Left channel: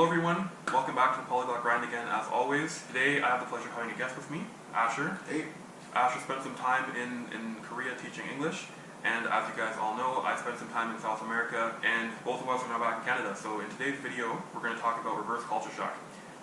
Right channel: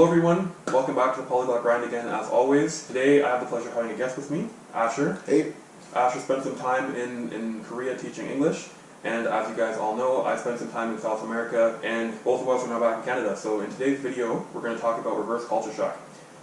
Hello everyone, welcome back to the Polyglot Grind again as always. Today I have the pleasure of having a guest with me, Asher. Hey. Asher spent some time in Korea teaching English, and as you guys all know, I spent some time in South America, and both of us are now back in Canada. So in today's video, we're going to talk about reverse culture shock.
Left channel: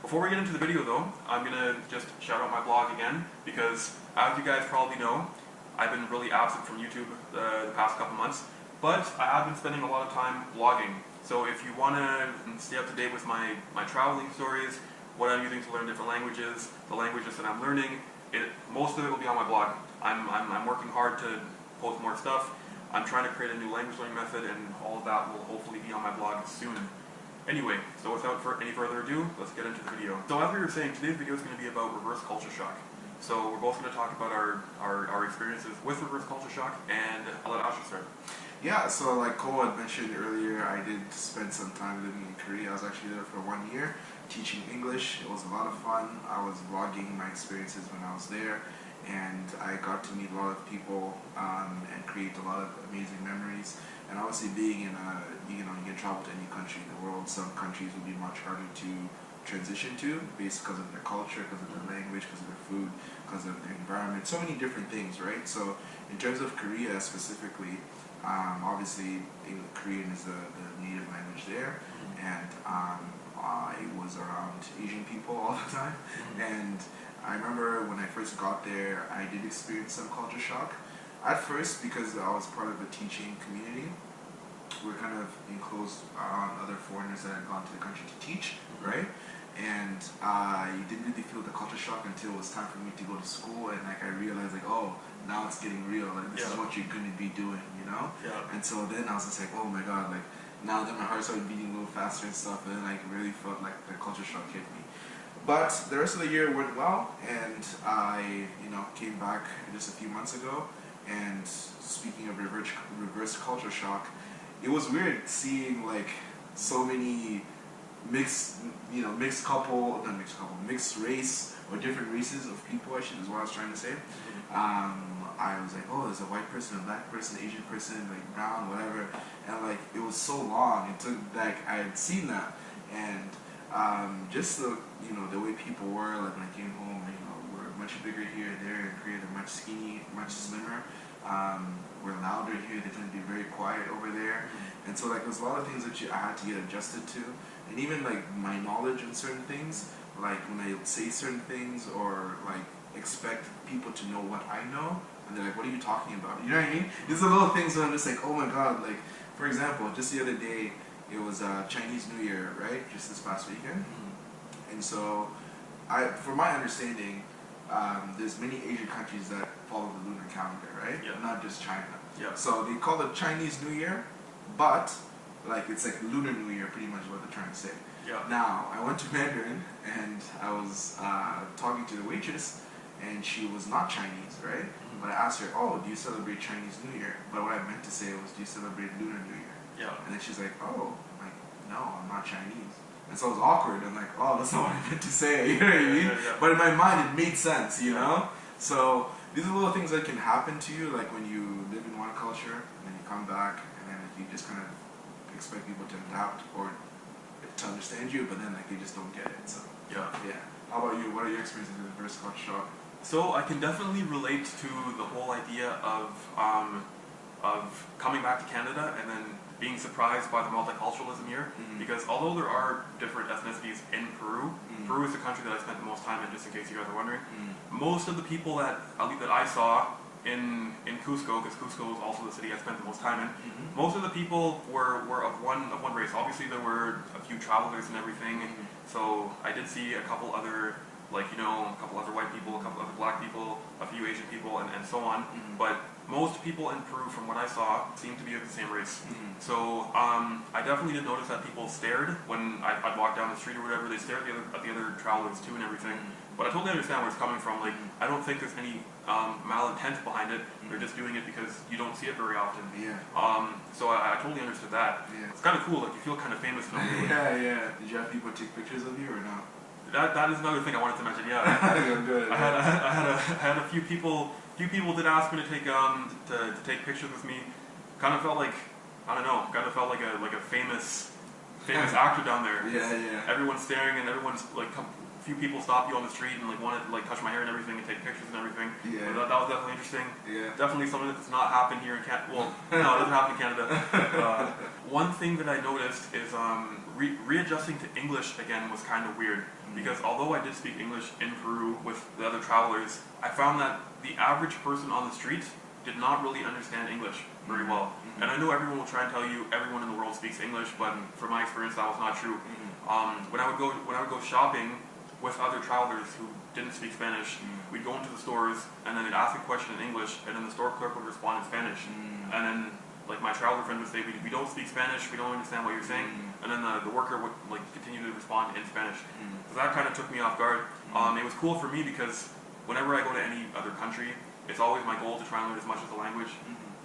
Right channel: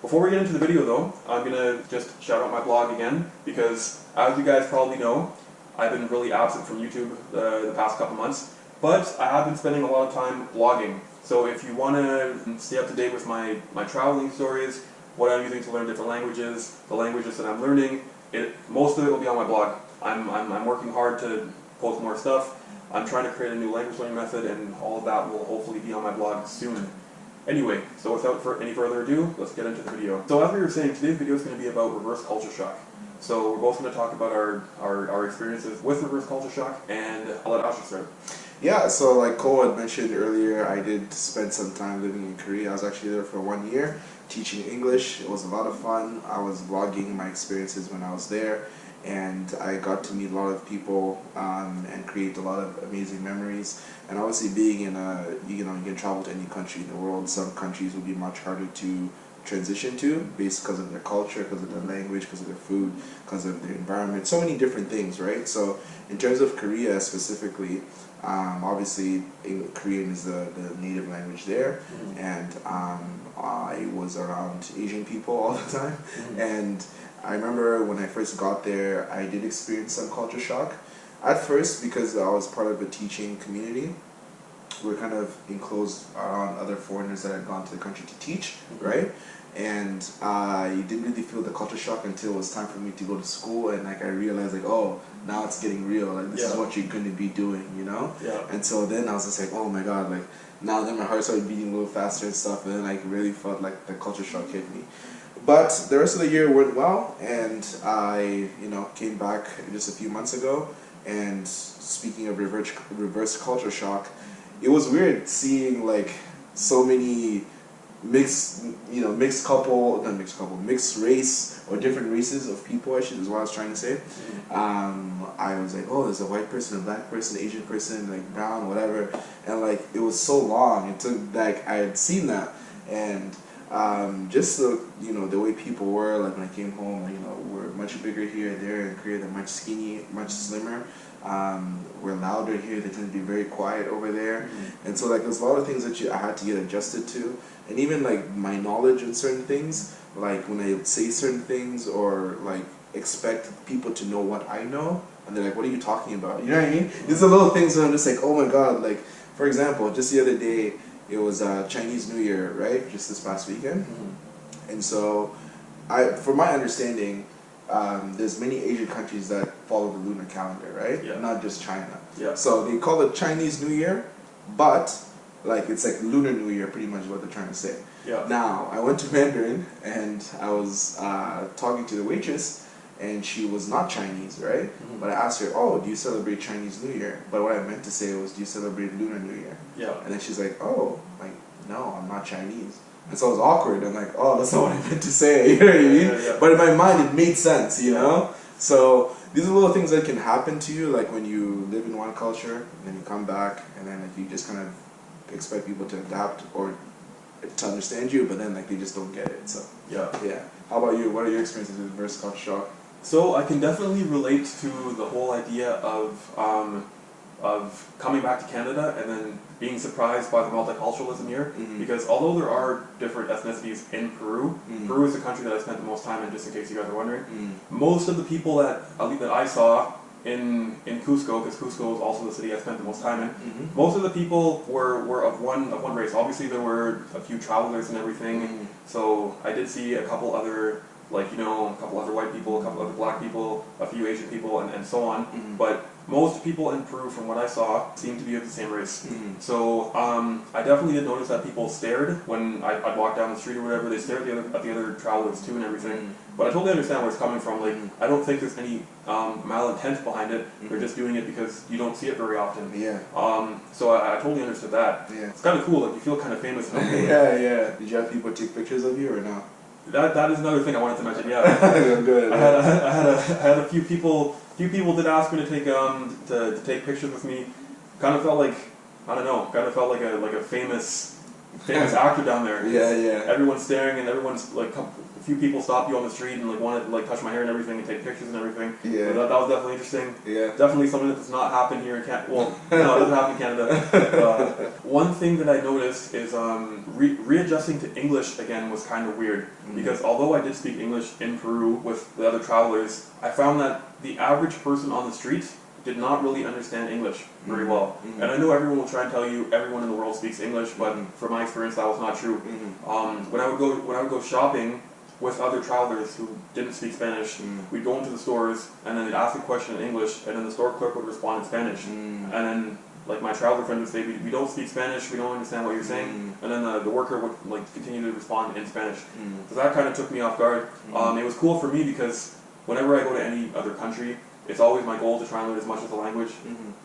Before we get into the video though, I'm going to just shout out my blog again, because as you guys probably know, I've been really absent from YouTube the past couple months, but I have been spending a lot of time blogging. So if you want to stay up to date with my traveling stories, what I'm using to learn different languages, the languages that I'm learning, most of it will be on my blog. I'm working hard to post more stuff. I'm trying to create a new language learning method, and all of that will hopefully be on my blog soon. Anyway, so without any further ado, let's get into the video. So as we were saying, today's video is going to be about reverse culture shock. So we're both going to talk about our experiences with reverse culture shock, and I'll let Asher start. Yeah, so like Cole had mentioned earlier, I did spend some time living in Korea. I was actually there for 1 year teaching English. It was a lot of fun. I was vlogging my experiences when I was there, and I got to meet a lot of people and create a lot of amazing memories. And obviously being in you can travel to any country in the world. Some countries would be much harder to transition to based because of their culture, because of their language, because of their food, because of their environment, so many different things, right? So in terms of Korea specifically, obviously Korean is the native language there, and I was around Asian people all the time, and I remember when I first got there, I did experience some culture shock. At first, because I was part of a teaching community, we're kind of enclosed around other foreigners that had gone to the country to teach, right? And I didn't really feel the culture shock until it was time for me to go to school, and like I realized like, oh, now it's getting real, like this is what you're going to be doing, you know? Yeah. And so then I was just like, oh my god, like now then my heart started beating a little faster and stuff, and then I really felt like the culture shock hit me. But the rest of the year went well, and I, came back just a few months ago. And speaking of reverse culture shock, it was weird seeing like so many mixed race or different races of people, is what I was trying to say. I was like, oh, there's a white person, a black person, Asian person, like brown, whatever, and like it was so long. It took like I had seen that, and just the way people were, like when I came home, we're much bigger here and there. In Korea, they're much skinny, much slimmer. We're louder here. They tend to be very quiet over there, and so like there's a lot of things that I had to get adjusted to, and even like my knowledge on certain things, like when I say certain things or like expect people to know what I know, and they're like, "What are you talking about?" You know what I mean? These are little things where I'm just like, "Oh my god!" Like for example, just the other day, it was Chinese New Year, right? Just this past weekend, and so from my understanding, there's many Asian countries that follow the lunar calendar, right? Yeah. Not just China. Yeah. So they call it Chinese New Year, but like it's like Lunar New Year, pretty much what they're trying to say. Yeah. Now I went to Mandarin and I was talking to the waitress, and she was not Chinese, right? But I asked her, "Oh, do you celebrate Chinese New Year?" But what I meant to say was, "Do you celebrate Lunar New Year?" Yeah. And then she's like, "Oh, like no, I'm not Chinese." And so it was awkward. I'm like, oh, that's not what I meant to say. You know what I mean? Yeah. But in my mind, it made sense, you know? So these are little things that can happen to you, like when you live in one culture, and then you come back, and then like you just kind of expect people to adapt or to understand you, but then like they just don't get it. So yeah. How about you? What are your experiences with reverse culture shock? So I can definitely relate to the whole idea of coming back to Canada and then being surprised by the multiculturalism here, because although there are different ethnicities in Peru, Peru is the country that I spent the most time in, just in case you guys are wondering. Most of the people that I saw in Cusco, because Cusco is also the city I spent the most time in, most of the people were of one race. Obviously there were a few travelers and everything, so I did see a couple other, a couple other white people, a couple other black people, a few Asian people, and so on. But most people in Peru, from what I saw, seemed to be of the same race. So I definitely did notice that people stared when I'd walk down the street or whatever. They stared at the other travelers too and everything. But I totally understand where it's coming from. Like, I don't think there's any malintent behind it. They're just doing it because you don't see it very often. Yeah. So I totally understood that. Yeah. It's kind of cool. Like, you feel kind of famous. Yeah. Did you have people take pictures of you or not? That is another thing I wanted to mention. Yeah. Good. I had a few people. Few people did ask me to take pictures with me. Kind of felt like, I don't know. Kind of felt like a famous famous actor down there. Yeah, yeah. Everyone's staring and everyone's like, a few people stop you on the street and like want to like touch my hair and everything and take pictures and everything. Yeah. So that was definitely interesting. Yeah. Definitely something that does not happen here in Canada. Well, no, it doesn't happen in Canada. One thing that I noticed is readjusting to English again was kind of weird because although I did speak English in Peru with the other travelers, I found that the average person on the street did not really understand English very well. And I know everyone will try and tell you everyone in the world speaks English, but from my experience that was not true. When I would go shopping with other travelers who didn't speak Spanish, we'd go into the stores and then they'd ask a question in English and then the store clerk would respond in Spanish. And then like my traveler friend would say, we don't speak Spanish, we don't understand what you're saying. And then the worker would like continue to respond in Spanish. So that kind of took me off guard. It was cool for me because whenever I go to any other country, it's always my goal to try and learn as much of the language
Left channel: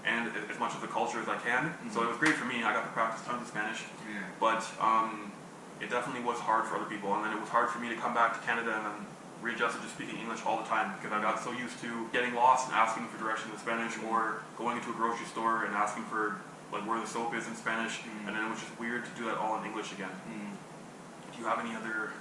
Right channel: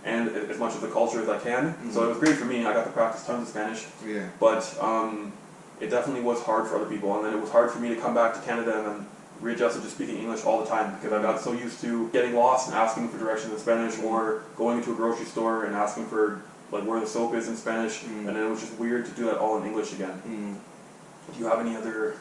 and as much of the culture as I can. So it was great for me. I got to practice tons of Spanish. Yeah. But it definitely was hard for other people. And then it was hard for me to come back to Canada and then readjust to just speaking English all the time because I got so used to getting lost and asking for directions in Spanish or going into a grocery store and asking for like where the soap is in Spanish. And then it was just weird to do that all in English again. Do you have any other...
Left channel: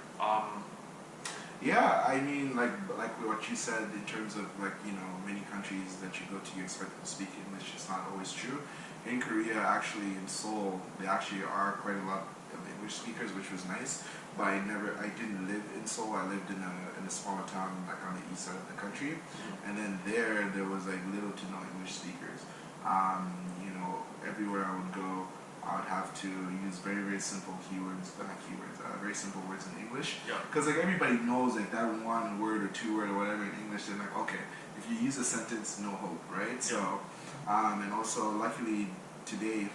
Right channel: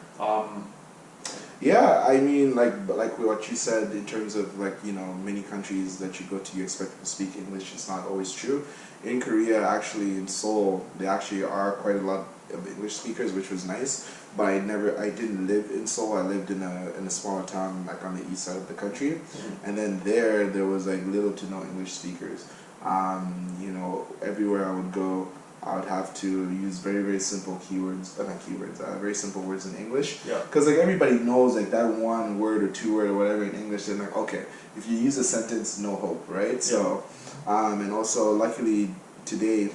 Yeah, I mean, like what you said in terms of like, you know, many countries that you go to, you expect them to speak English. It's not always true. In Korea, actually, in Seoul, they actually are quite a lot of English speakers, which was nice. But I didn't live in Seoul. I lived in a smaller town, like on the east side of the country. And then there was like little to no English speakers. You know, everywhere I would go, I would have to use very, very simple keywords, not keywords, very simple words in English. Yeah. Because like everybody knows like that one word or two word or whatever in English, they're like, okay, if you use a sentence, no hope, right? So, and also luckily today,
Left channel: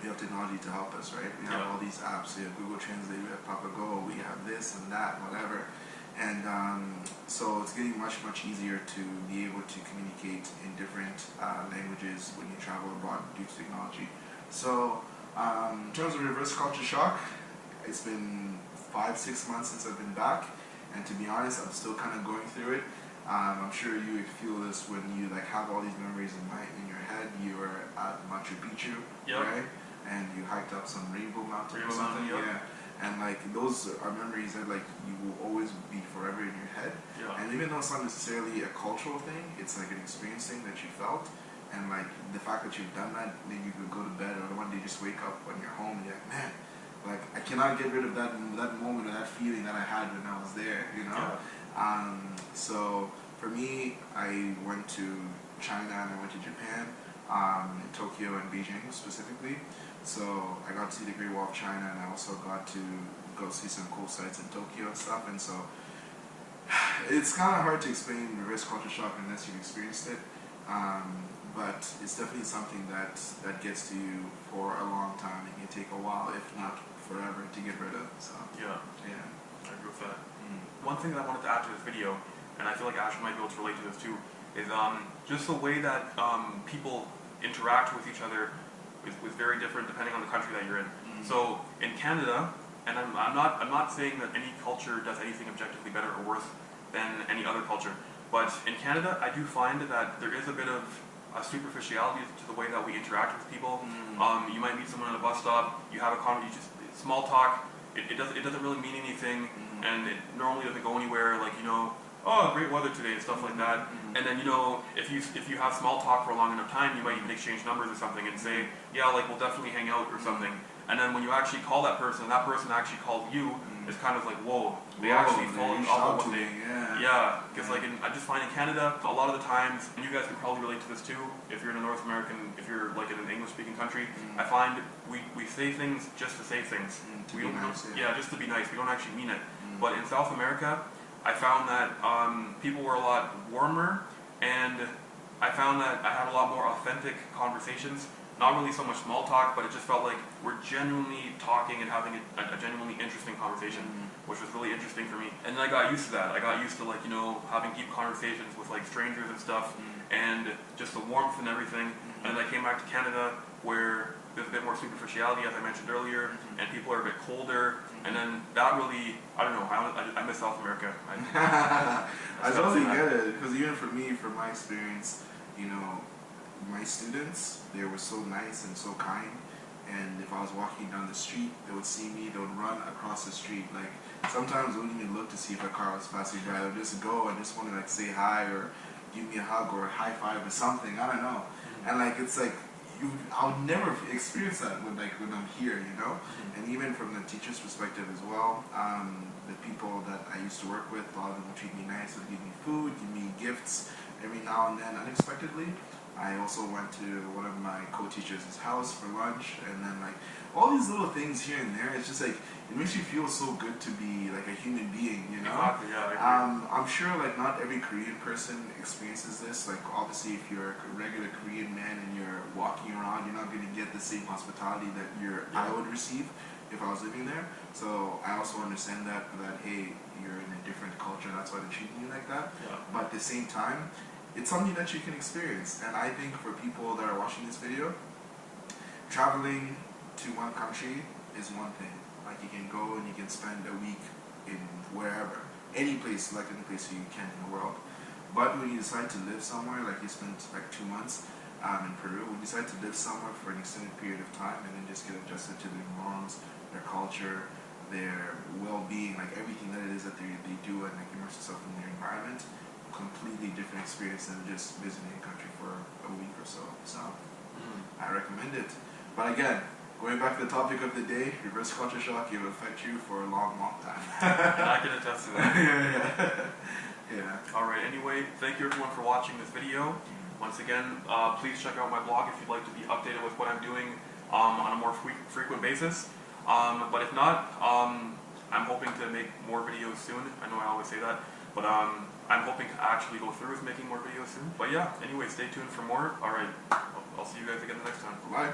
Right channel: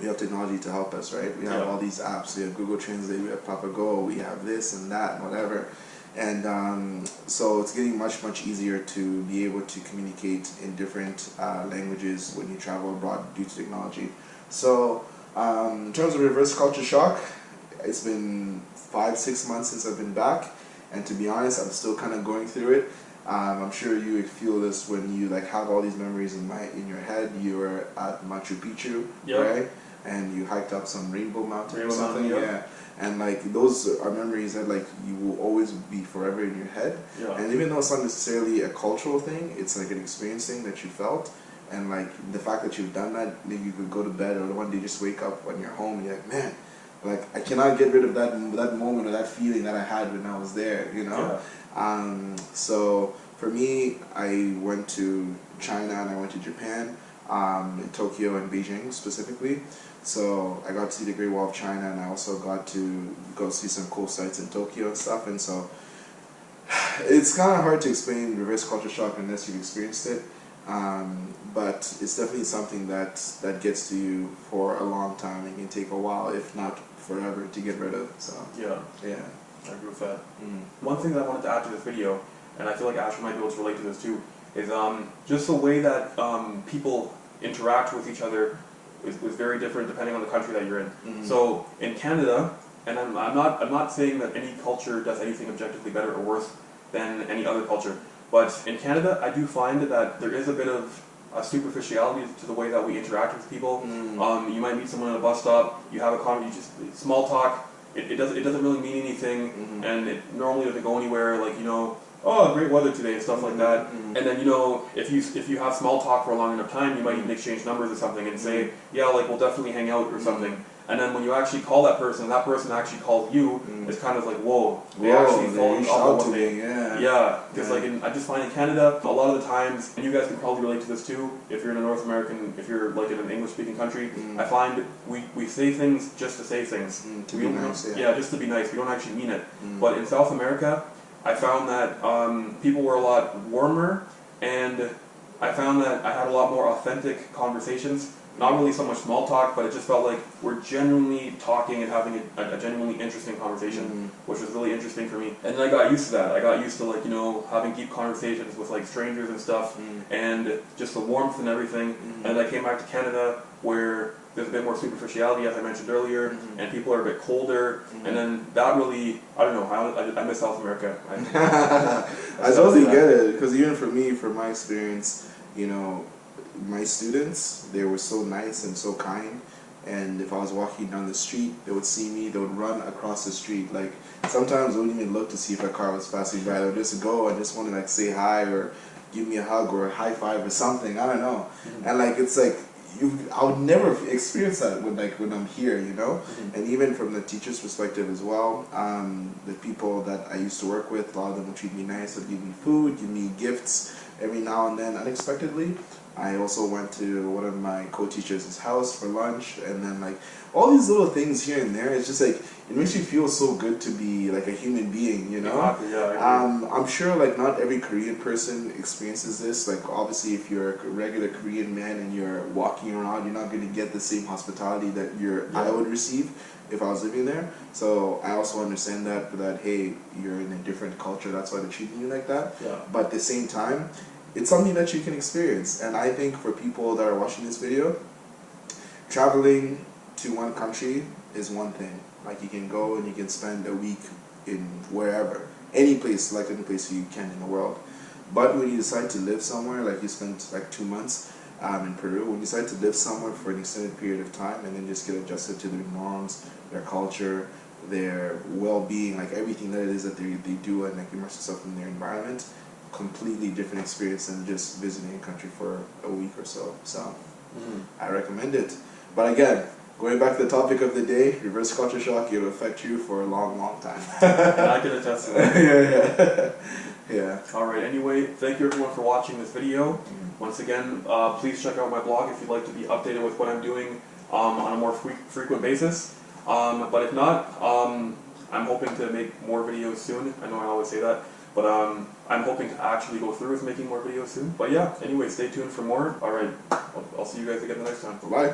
we have technology to help us, right? We have all these apps. We have Google Translate, we have PapaGo, we have this and that and whatever. And so it's getting much, much easier to be able to communicate in different languages when you travel abroad due to technology. So, in terms of reverse culture shock, it's been 5-6 months since I've been back, and to be honest, I'm still kind of going through it. I'm sure you would feel this when you like have all these memories in your head. You were at Machu Picchu, right? And you hiked up some Rainbow Mountain or something, And like those are memories that like you will always be forever in your head. And even though it's not necessarily a cultural thing, it's like an experience thing that you felt. And like the fact that you've done that, you could go to bed or one day just wake up when you're home and you're like, man, like I cannot get rid of that moment or that feeling that I had when I was there, you know? So for me, I went to China and I went to Japan, in Tokyo and Beijing specifically. So I got to see the Great Wall of China and I also got to go see some cool sites in Tokyo and stuff. And so it's kind of hard to explain reverse culture shock unless you've experienced it. But it's definitely something that gets to you for a long time. It can take a while, if not forever, to get rid of. So yeah, I agree with that. One thing that I wanted to add to this video, and I feel like Asher might be able to relate to this too, is just the way that people interact with each other is very different depending on the country that you're in. So in Canada, and I'm not saying that any culture does anything objectively better or worse than any other culture. But in Canada, I do find that there is a bit of a superficiality to the way that we interact with people. You might meet someone at a bus stop, you have a conversation, just small talk. It doesn't really mean anything, and it normally doesn't go anywhere. Like, you know, oh, great weather today, stuff like that. And then, you know, if you have small talk for a long enough time, you might even exchange numbers or something and say, yeah, like we'll definitely hang out or something. And then when you actually call that person actually calls you, it's kind of like, whoa, they actually fall in love with what they... Because like I just find in Canada, a lot of the times, and you guys can probably relate to this too, if you're in a North American, if you're like in an English-speaking country, I find we say things just to say things. To be nice, just to be nice. We don't actually mean it. But in South America, I found that people were a lot warmer, and I found that I had a lot more authentic conversations. Not really so much small talk, but it just felt like we're genuinely talking and having a genuinely interesting conversation, which was really interesting for me. And then I got used to that. I got used to like, you know, having deep conversations with like strangers and stuff, and just the warmth and everything. And then I came back to Canada where there's a bit more superficiality, as I mentioned earlier, and people are a bit colder. And then that really, I don't know, I miss South America. I totally get it, because even for me, from my experience, you know, my students, they were so nice and so kind, and if I was walking down the street, they would see me, they would run across the street. Like, sometimes they wouldn't even look to see if a car was passing by. They would just go and just want to like say hi or give me a hug or a high five or something. I don't know. And like, it's like, I would never experience that when I'm here, you know. And even from the teacher's perspective as well, the people that I used to work with, a lot of them would treat me nice, would give me food, give me gifts every now and then unexpectedly. I also went to one of my co-teachers' house for lunch, and then like all these little things here and there. It's just like it makes you feel so good to be like a human being, you know. Exactly, yeah, I agree. I'm sure like not every Korean person experiences this. Like obviously, if you're a regular Korean man and you're walking around, you're not going to get the same hospitality that I would receive if I was living there. So I also understand that hey, you're in a different culture. That's why they're treating you like that. Yeah. But at the same time, it's something that you can experience. And I think for people that are watching this video, traveling to one country is one thing. Like you can go and you can spend a week in wherever, any place, select any place you can in the world. But when you decide to live somewhere, like you spent like 2 months in Peru, when you decide to live somewhere for an extended period of time and then just get adjusted to their norms, their culture, their well-being, like everything that it is that they do, and like immerse yourself in their environment, completely different experience than just visiting a country for a week or so. So I recommend it. But again, going back to the topic of the day, reverse culture shock, it will affect you for a long, long time. And I can attest to that. Yeah. Alright, anyway, thank you everyone for watching this video. Once again, please check out my blog if you'd like to be updated with what I'm doing on a more frequent basis. But if not, I'm hoping to make more videos soon. I know I always say that. But I'm hoping to actually go through with making more videos soon. But yeah, anyway, stay tuned for more. Alright, I'll see you guys again the next time. Bye.